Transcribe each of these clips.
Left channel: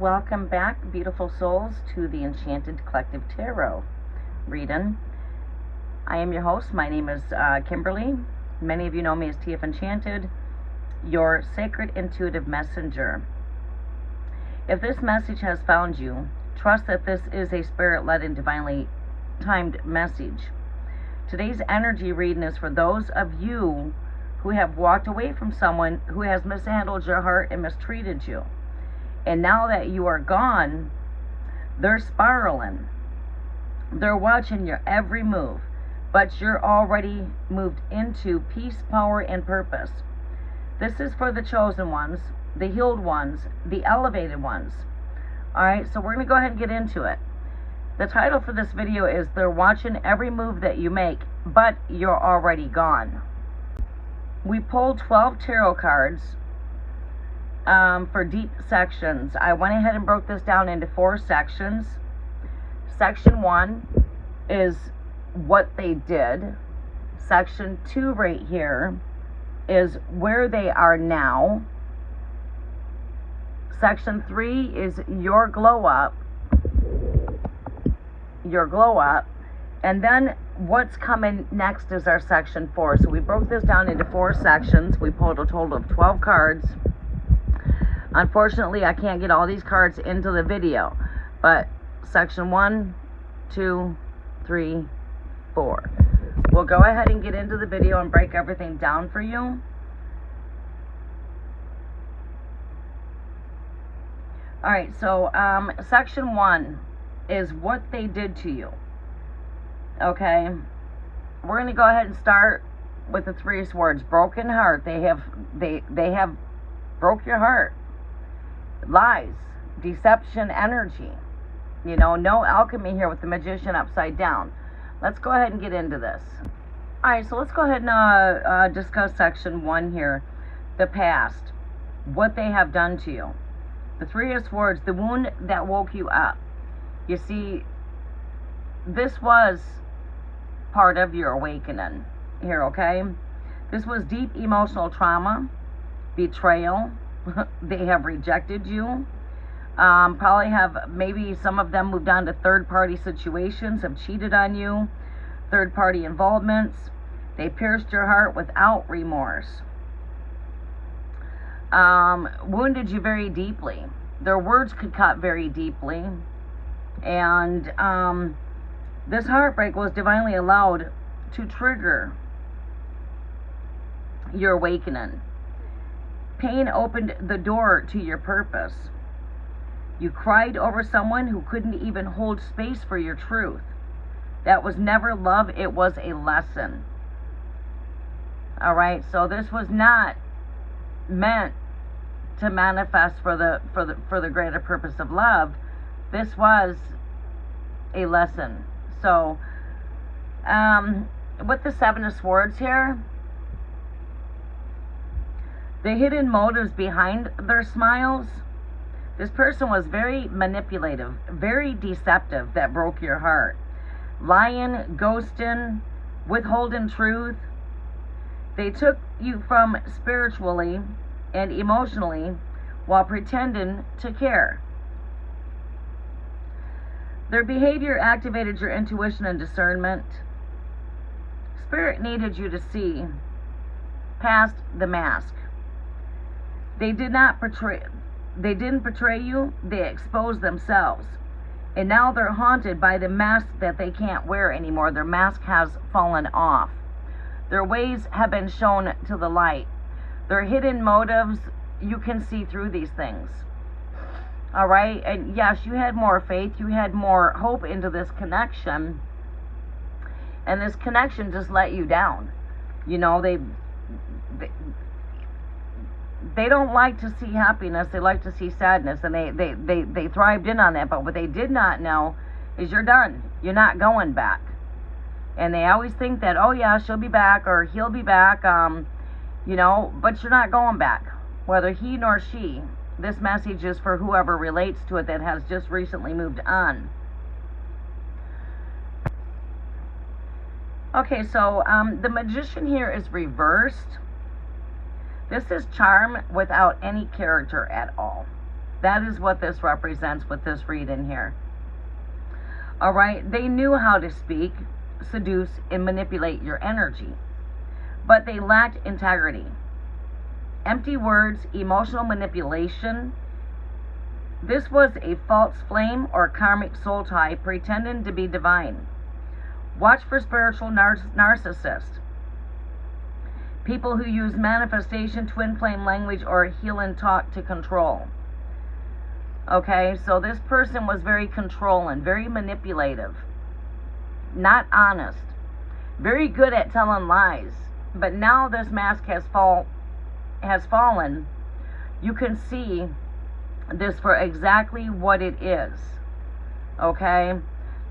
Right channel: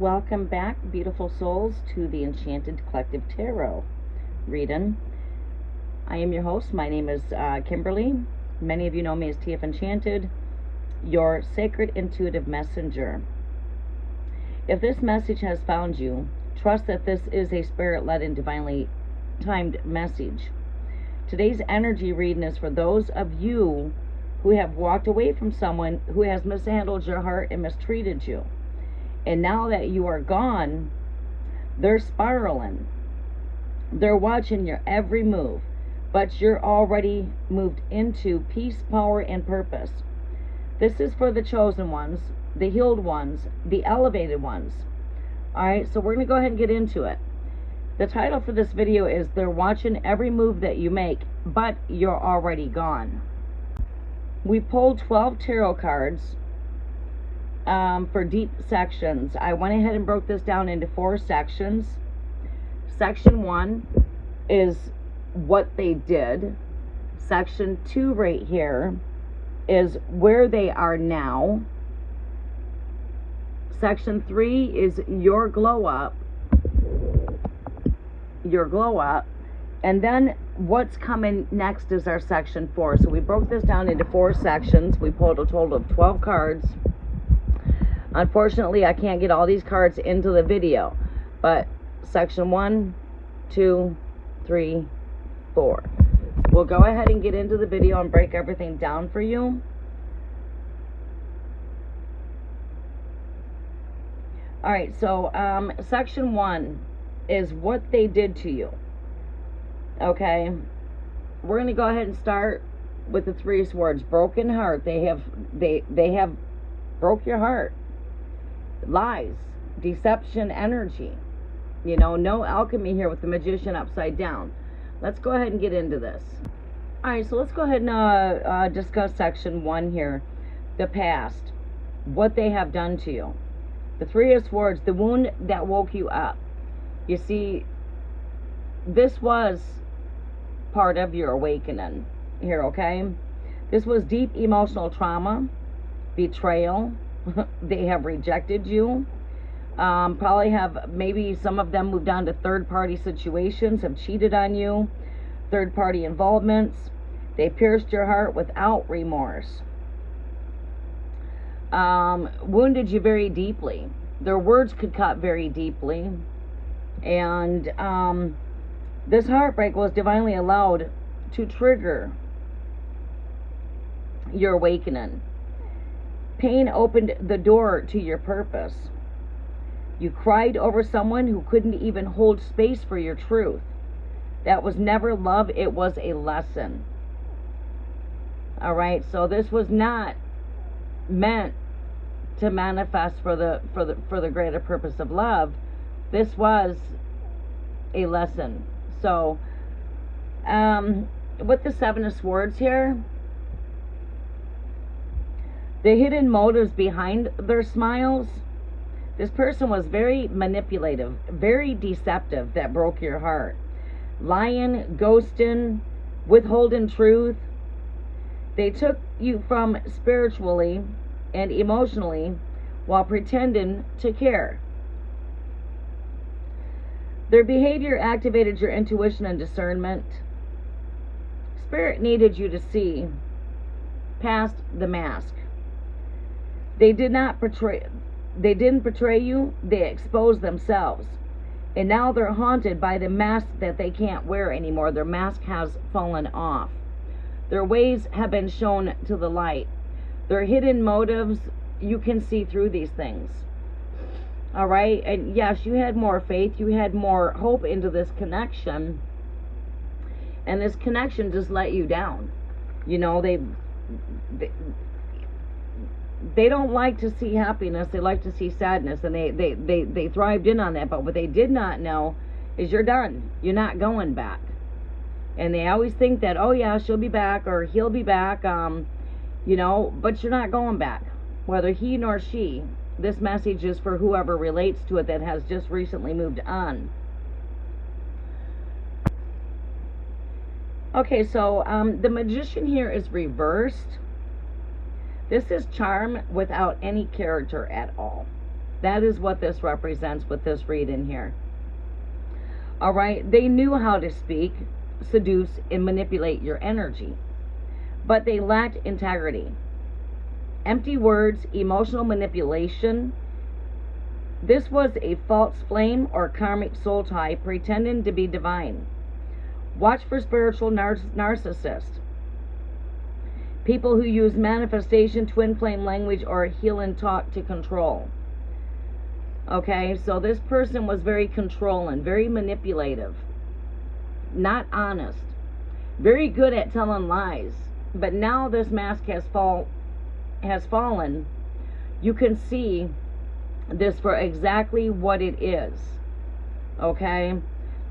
Welcome back, beautiful souls, to the Enchanted Collective Tarot reading. I am your host. My name is Kimberly. Many of you know me as TF Enchanted, your sacred intuitive messenger. If this message has found you, trust that this is a spirit-led and divinely timed message. Today's energy reading is for those of you who have walked away from someone who has mishandled your heart and mistreated you. And now that you are gone, they're spiraling. They're watching your every move, but you're already moved into peace, power, and purpose. This is for the chosen ones, the healed ones, the elevated ones. Alright, so we're going to go ahead and get into it. The title for this video is They're Watching Every Move That You Make, but You're Already Gone. We pulled 12 tarot cards for deep sections. I went ahead and broke this down into 4 sections. Section 1 is what they did. Section 2 right here is where they are now. Section 3 is your glow up. Your glow up. And then what's coming next is our section 4. So we broke this down into 4 sections. We pulled a total of 12 cards. Unfortunately, I can't get all these cards into the video, but section 1, 2, 3, 4. We'll go ahead and get into the video and break everything down for you. Alright, so section 1 is what they did to you. Okay, we're going to go ahead and start with the 3 swords. Broken heart. They have broke your heart. Lies, deception, energy. You know, no alchemy here with the magician upside down. Let's go ahead and get into this. Alright, so let's go ahead and discuss section 1 here. The past. What they have done to you. The 3 of Swords, the wound that woke you up. You see, this was part of your awakening here, okay? This was deep emotional trauma, betrayal. They have rejected you. Probably have, maybe some of them moved on to third-party situations, have cheated on you, third-party involvements. They pierced your heart without remorse. Wounded you very deeply. Their words could cut very deeply. And this heartbreak was divinely allowed to trigger your awakening. Pain opened the door to your purpose. You cried over someone who couldn't even hold space for your truth. That was never love, it was a lesson. Alright, so this was not meant to manifest for the greater purpose of love. This was a lesson. So with the 7 of Swords here, the hidden motives behind their smiles. This person was very manipulative, very deceptive, that broke your heart. Lying, ghosting, withholding truth. They took you from spiritually and emotionally while pretending to care. Their behavior activated your intuition and discernment. Spirit needed you to see past the mask. They didn't betray you, they exposed themselves. And now they're haunted by the mask that they can't wear anymore. Their mask has fallen off. Their ways have been shown to the light. Their hidden motives, you can see through these things. Alright, and yes, you had more faith, you had more hope into this connection. And this connection just let you down. You know, they don't like to see happiness, they like to see sadness, and they thrived in on that. But what they did not know is you're done. You're not going back. And they always think that, oh yeah, she'll be back or he'll be back, you know, but you're not going back. Whether he nor she, this message is for whoever relates to it that has just recently moved on. Okay, so the magician here is reversed. This is charm without any character at all. That is what this represents with this reading here. All right, they knew how to speak, seduce, and manipulate your energy, but they lacked integrity. Empty words, emotional manipulation. This was a false flame or karmic soul tie pretending to be divine. Watch for spiritual narcissists. People who use manifestation, twin flame language, or healing talk to control. Okay, so this person was very controlling, very manipulative, not honest, very good at telling lies. But now this mask has fallen. You can see this for exactly what it is. Okay,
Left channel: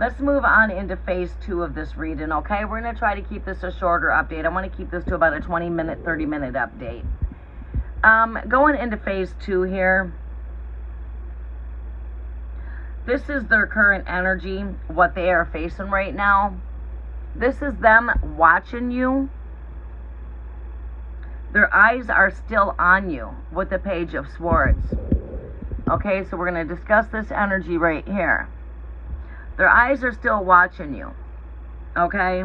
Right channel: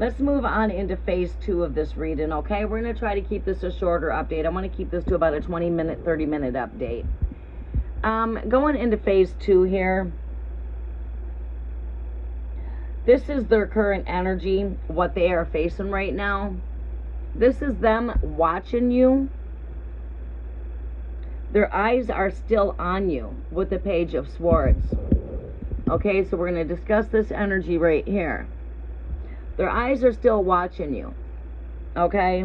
let's move on into phase 2 of this reading. Okay, we're going to try to keep this a shorter update. I want to keep this to about a 20-minute, 30-minute update. Going into phase 2 here. This is their current energy, what they are facing right now. This is them watching you. Their eyes are still on you with the Page of Swords. Okay, so we're going to discuss this energy right here. Their eyes are still watching you. Okay?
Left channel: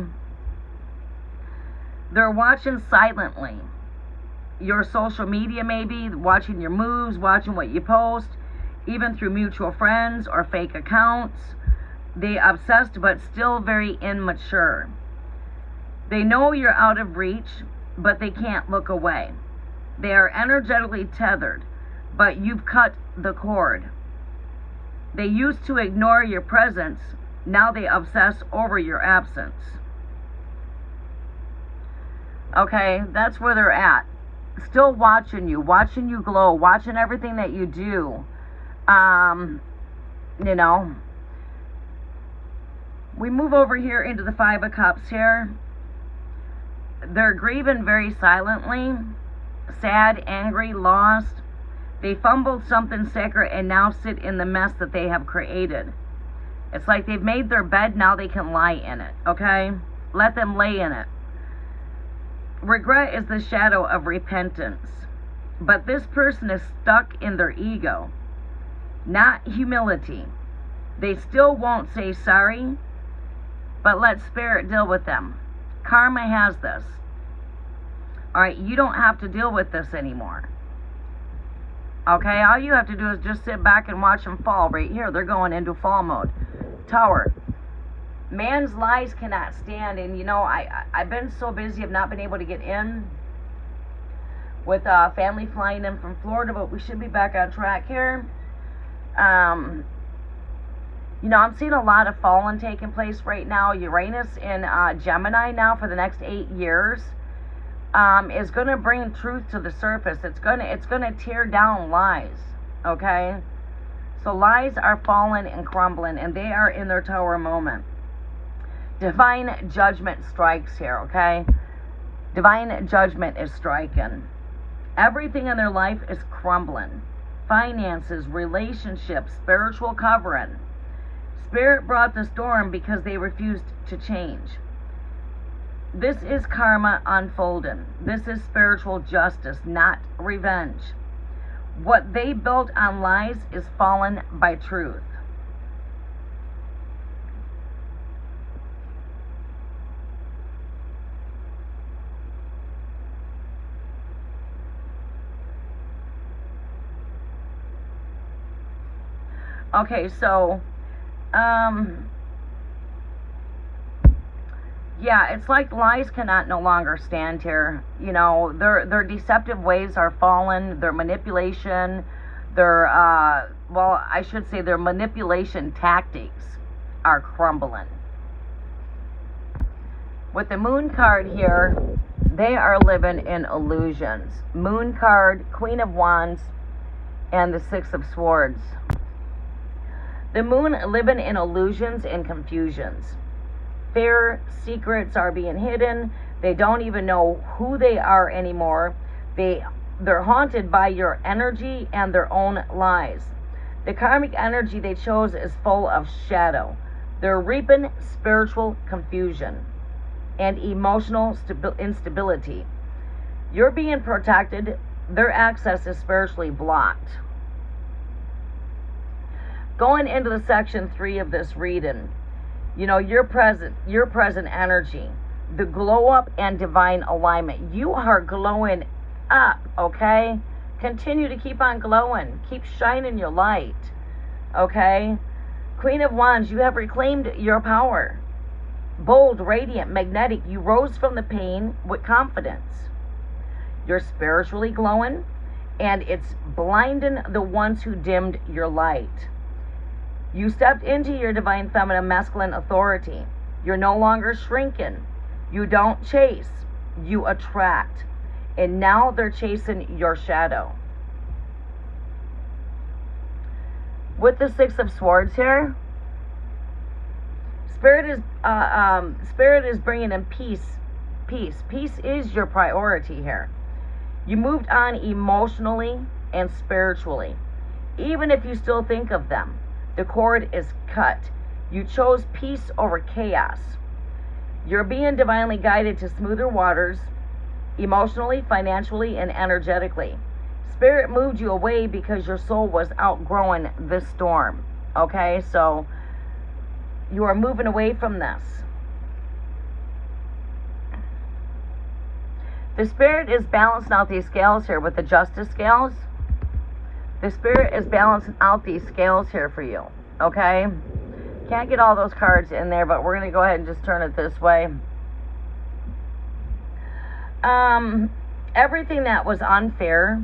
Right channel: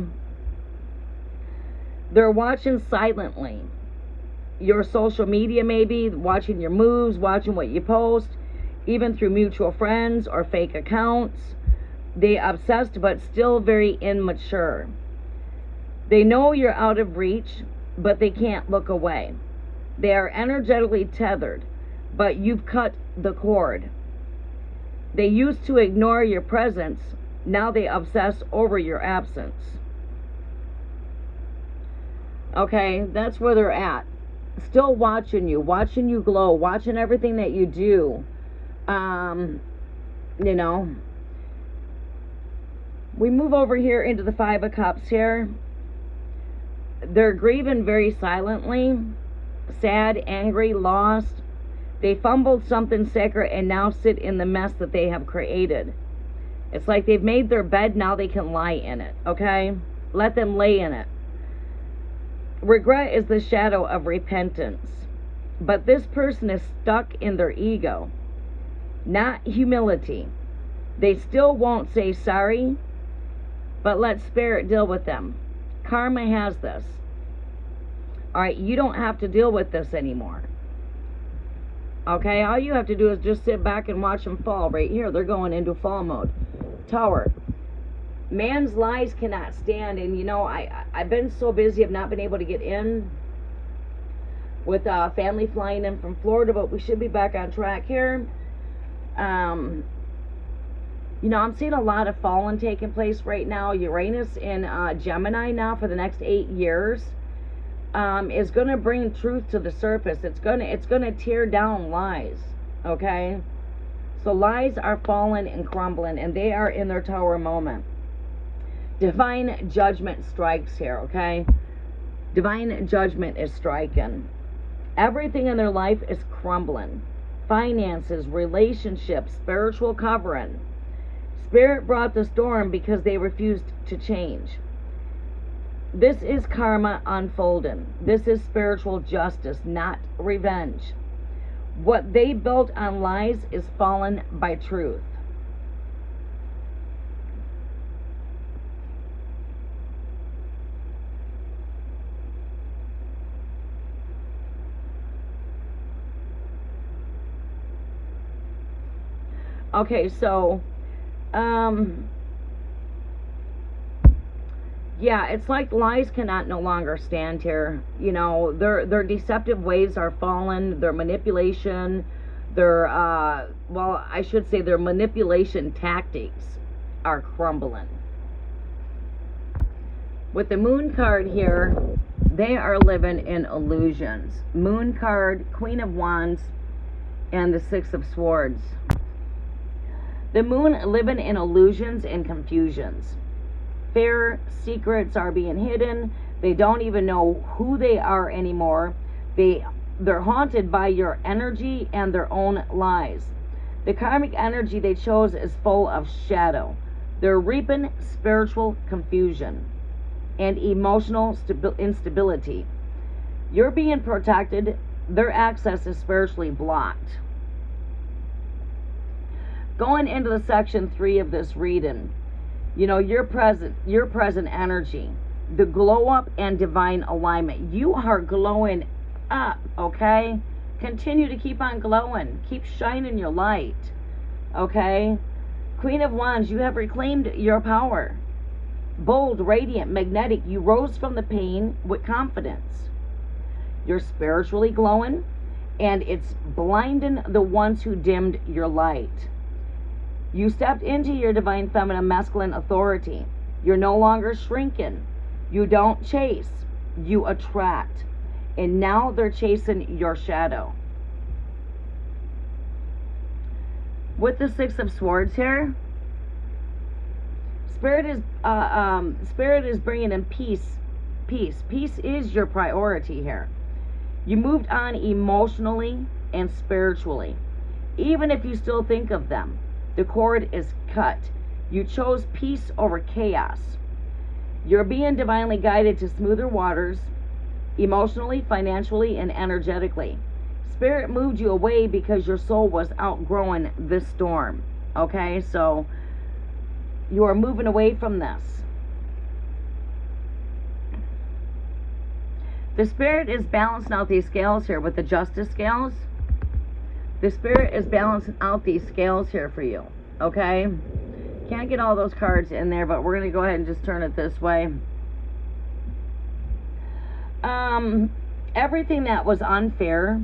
They're watching silently. Your social media maybe, watching your moves, watching what you post, even through mutual friends or fake accounts. They obsessed but still very immature. They know you're out of reach, but they can't look away. They are energetically tethered, but you've cut the cord. They used to ignore your presence. Now they obsess over your absence. Okay, that's where they're at. Still watching you glow, watching everything that you do. You know, we move over here into the 5 of Cups here. They're grieving very silently, sad, angry, lost. They fumbled something sacred and now sit in the mess that they have created. It's like they've made their bed, now they can lie in it, okay? Let them lay in it. Regret is the shadow of repentance. But this person is stuck in their ego, not humility. They still won't say sorry, but let spirit deal with them. Karma has this. All right, you don't have to deal with this anymore. Okay, all you have to do is just sit back and watch them fall right here. They're going into fall mode. Tower. Man's lies cannot stand. And you know, I've been so busy, I've not been able to get in with family flying in from Florida, but we should be back on track here. You know, I'm seeing a lot of falling taking place right now. Uranus in Gemini now for the next 8 years is going to bring truth to the surface. It's gonna tear down lies. Okay, so lies are falling and crumbling, and they are in their tower moment. Divine judgment strikes here. Okay, divine judgment is striking. Everything in their life is crumbling. Finances, relationships, spiritual covering. Spirit brought the storm because they refused to change. This is karma unfolding. This is spiritual justice, not revenge. What they built on lies is fallen by truth. Okay, so yeah, it's like lies cannot no longer stand here. You know, their deceptive ways are fallen. Their manipulation, their well, I should say their manipulation tactics are crumbling. With the Moon card here, they are living in illusions. Moon card, Queen of Wands, and the 6 of Swords. The Moon living in illusions and confusions. Fear, secrets are being hidden. They don't even know who they are anymore. They're haunted by your energy and their own lies. The karmic energy they chose is full of shadow. They're reaping spiritual confusion and emotional instability. You're being protected. Their access is spiritually blocked. going into the section 3 of this reading, you know, your present energy, the glow up and divine alignment. You are glowing up, okay? Continue to keep on glowing. Keep shining your light, okay? Queen of Wands, you have reclaimed your power. Bold, radiant, magnetic. You rose from the pain with confidence. You're spiritually glowing, and it's blinding the ones who dimmed your light. You stepped into your divine feminine masculine authority. You're no longer shrinking. You don't chase, you attract. And now they're chasing your shadow. With the Six of Swords here, Spirit is bringing in peace. Peace is your priority here. You moved on emotionally and spiritually. Even if you still think of them, the cord is cut. You chose peace over chaos. You're being divinely guided to smoother waters, emotionally, financially, and energetically. Spirit moved you away because your soul was outgrowing this storm. Okay, so you are moving away from this. The Spirit is balancing out these scales here with the Justice scales. The Spirit is balancing out these scales here for you. Okay? Can't get all those cards in there, but we're going to go ahead and just turn it this way. Everything that was unfair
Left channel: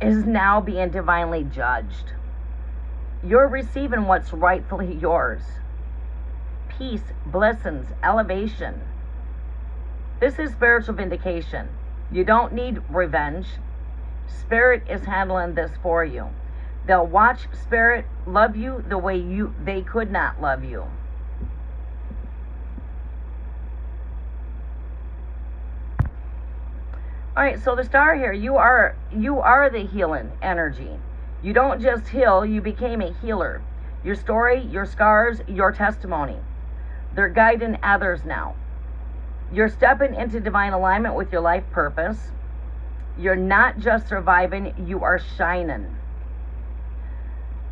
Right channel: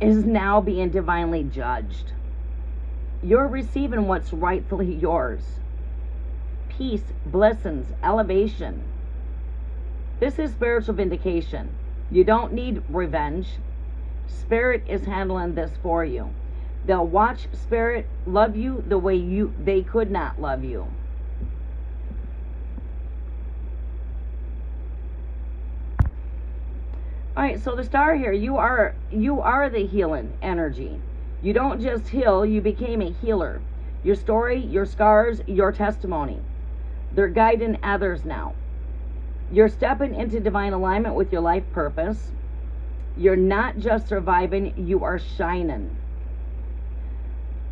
is now being divinely judged. You're receiving what's rightfully yours. Peace, blessings, elevation. This is spiritual vindication. You don't need revenge. Spirit is handling this for you. They'll watch Spirit love you the way they could not love you. All right, so the star here, you are the healing energy. You don't just heal, you became a healer. Your story, your scars, your testimony. They're guiding others now. You're stepping into divine alignment with your life purpose. You're not just surviving, you are shining.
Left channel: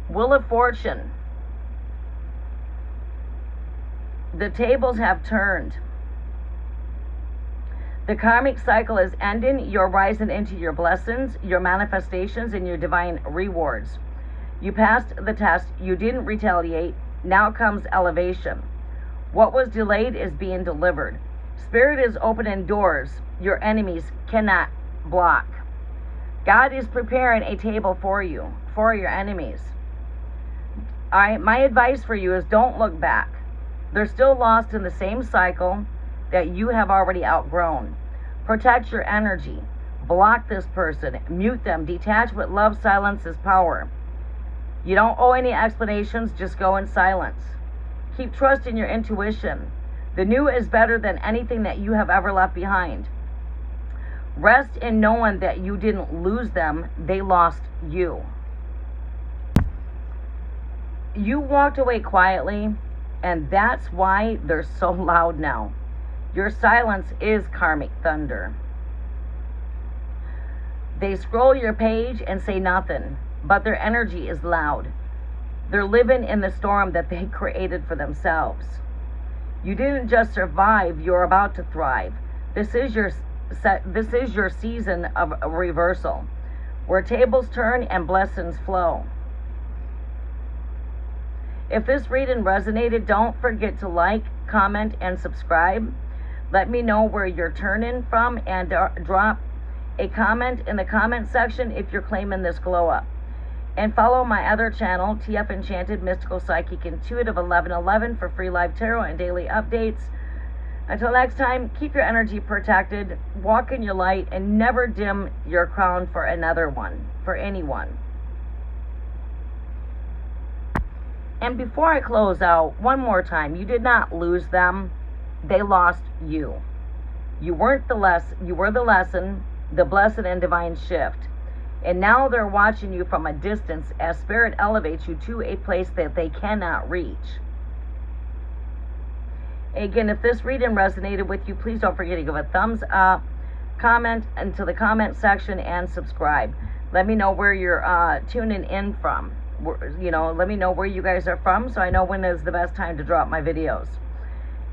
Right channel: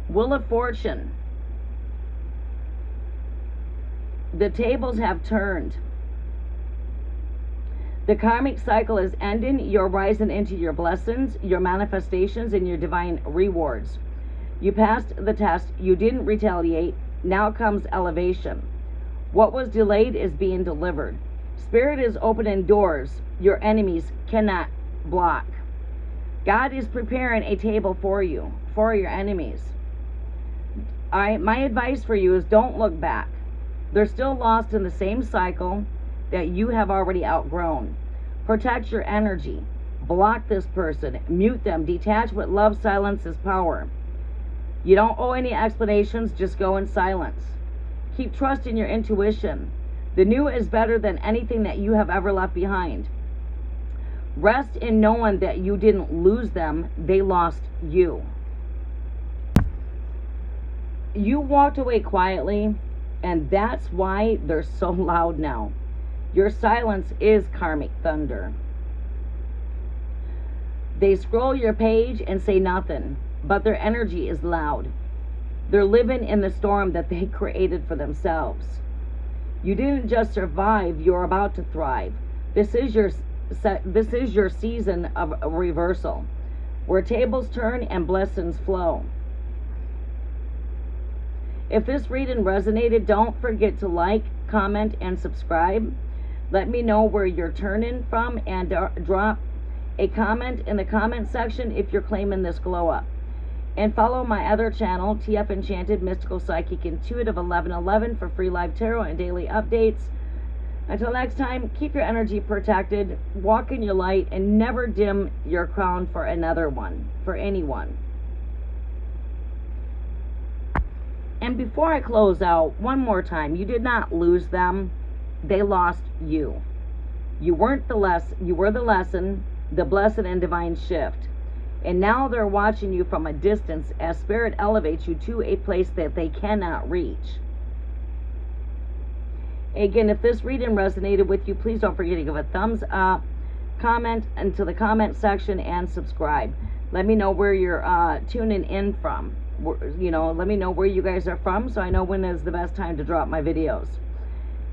Wheel of Fortune. The tables have turned. The karmic cycle is ending. You're rising into your blessings, your manifestations, and your divine rewards. You passed the test. You didn't retaliate. Now comes elevation. What was delayed is being delivered. Spirit is opening doors your enemies cannot block. God is preparing a table for you, for your enemies. My advice for you is don't look back. They're still lost in the same cycle that you have already outgrown. Protect your energy. Block this person. Mute them. Detach with love. Silence is power. You don't owe any explanations. Just go in silence. Keep trusting your intuition. The new is better than anything that you have ever left behind. Rest in knowing that you didn't lose them. They lost you. You walked away quietly, and that's why they're so loud now. Your silence is karmic thunder. They scroll your page and say nothing, but their energy is loud. They're living in the storm that they created for themselves. You didn't just survive, you're about to thrive. This is your season of a reversal, where tables turn and blessings flow. If this reading resonated, don't forget to like, comment, and subscribe. Let me know where you're turning from, and drop a comment in the comment section if you're claiming this glow up. And follow my other channel, TF Enchanted, Mystical Psychic Intuitive 1111 for free live tarot and daily updates. Until next time, keep your energy protected, walk in your light, and never dim your crown for anyone. And before I close out, one more time, you did not lose them. They lost you. You were the lesson, the blessed and divine shift. And now they're watching you from a distance as Spirit elevates you to a place that they cannot reach. Again, if this reading resonated with you, please don't forget to give a thumbs up, comment into the comment section, and subscribe. Let me know where you're tuning in from. You know, let me know where you guys are from so I know when is the best time to drop my videos.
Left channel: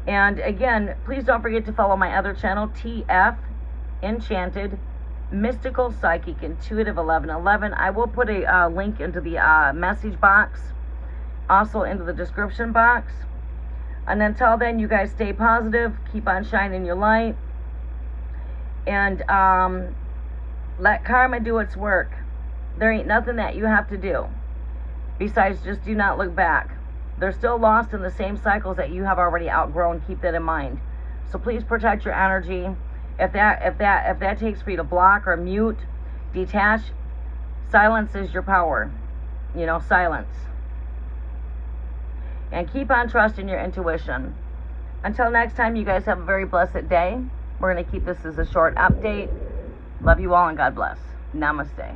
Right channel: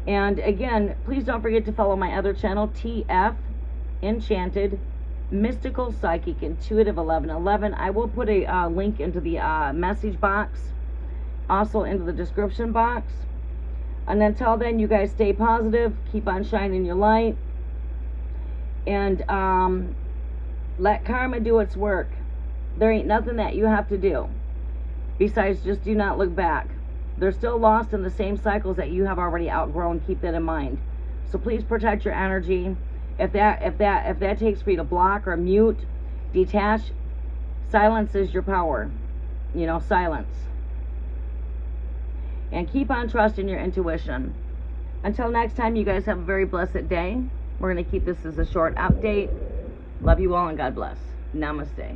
And again, please don't forget to follow my other channel, TF Enchanted Mystical Psychic Intuitive 1111. I will put a link into the message box, also into the description box. And until then, you guys stay positive, keep on shining your light, and let karma do its work. There ain't nothing that you have to do besides just do not look back. They're still lost in the same cycles that you have already outgrown. Keep that in mind. So please protect your energy. If that takes for you to block or mute, detach, silence is your power. You know, silence. And keep on trusting your intuition. Until next time, you guys have a very blessed day. We're going to keep this as a short update. Love you all and God bless. Namaste.